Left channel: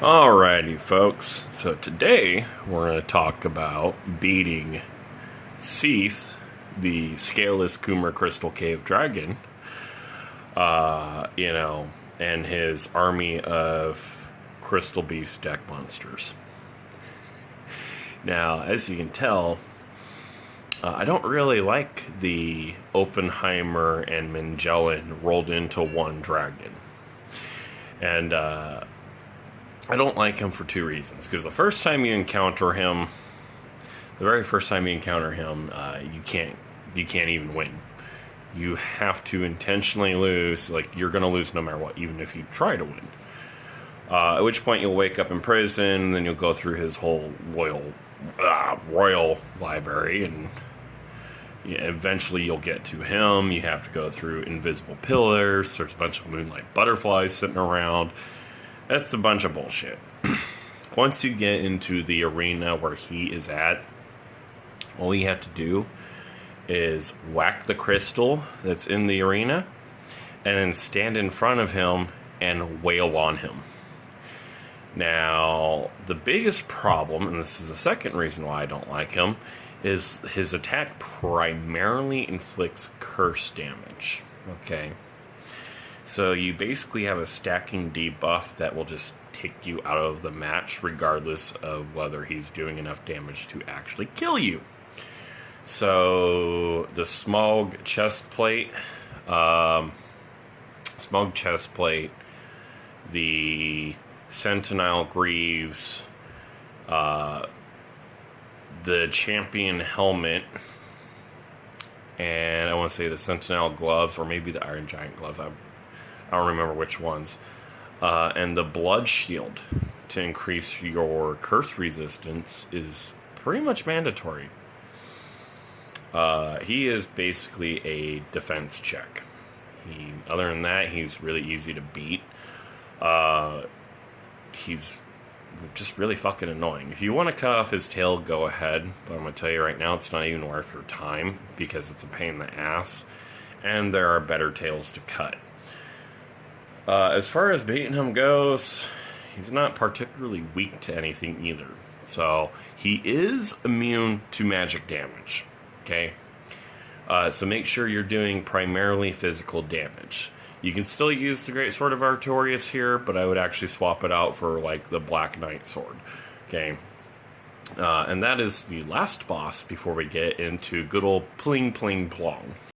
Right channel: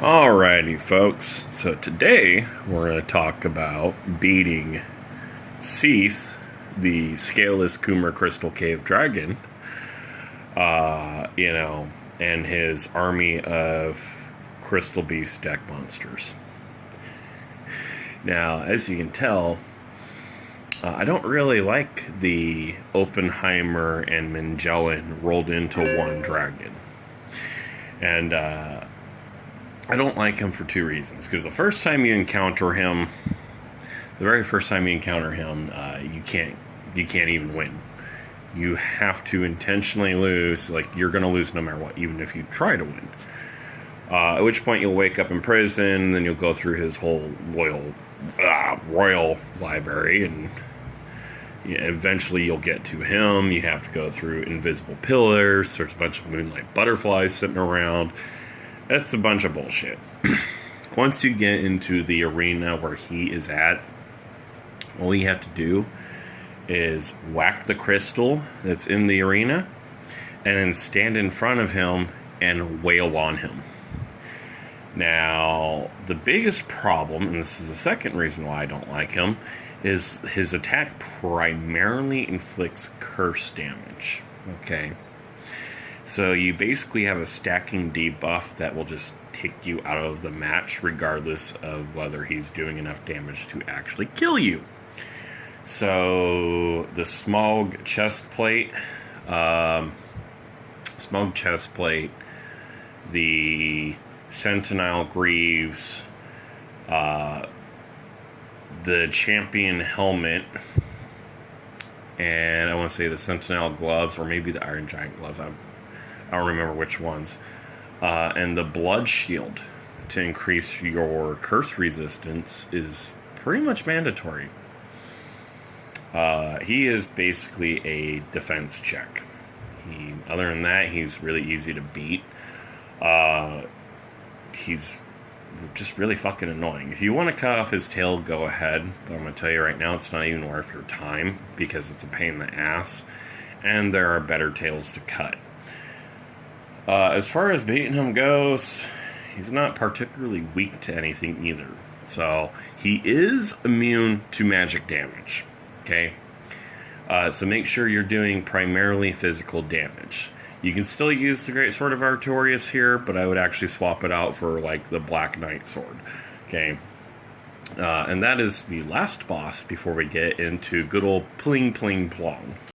Alrighty, folks. So today we're going to talk about beating Seath, the Scaleless Coomer Crystal Cave Dragon, and his army of Crystal Beast deck monsters. Now, as you can tell, I don't really like the Oppenheimer and Magellan rolled into one dragon. And, I don't like him for two reasons. Because the very first time you encounter him, you can't even win. You have to intentionally lose. Like, you're going to lose no matter what, even if you try to win. At which point you'll wake up in prison, and then you'll go through his whole royal library, and eventually you'll get to him. You have to go through invisible pillars. There's a bunch of moonlight butterflies sitting around. That's a bunch of bullshit. Once you get into the arena where he is at, all you have to do is whack the crystal that's in the arena and then stand in front of him and wail on him. Now, the biggest problem, and this is the second reason why I don't like him, is his attack primarily inflicts curse damage. Okay? So you basically have a stacking debuff that will just take you out of the match regardless of whether he's doing enough damage to actually kill you. So the Smaug chestplate, the Sentinel Greaves, the Champion Helmet, and I want to say the Sentinel Gloves, or maybe the Iron Giant Gloves. I don't remember which ones. And the Blood Shield to increase your curse resistance is pretty much mandatory. He is basically a defense check. Other than that, he's really easy to beat. He's just really fucking annoying. If you want to cut off his tail, go ahead. But I'm going to tell you right now, it's not even worth your time because it's a pain in the ass. And there are better tails to cut. As far as beating him goes, he's not particularly weak to anything either. So, he is immune to magic damage. Okay? So make sure you're doing primarily physical damage. You can still use the Great Sword of Artorias here, but I would actually swap it out for, like, the Black Knight Sword. Okay? And that is the last boss before we get into good old Pling Pling Plong.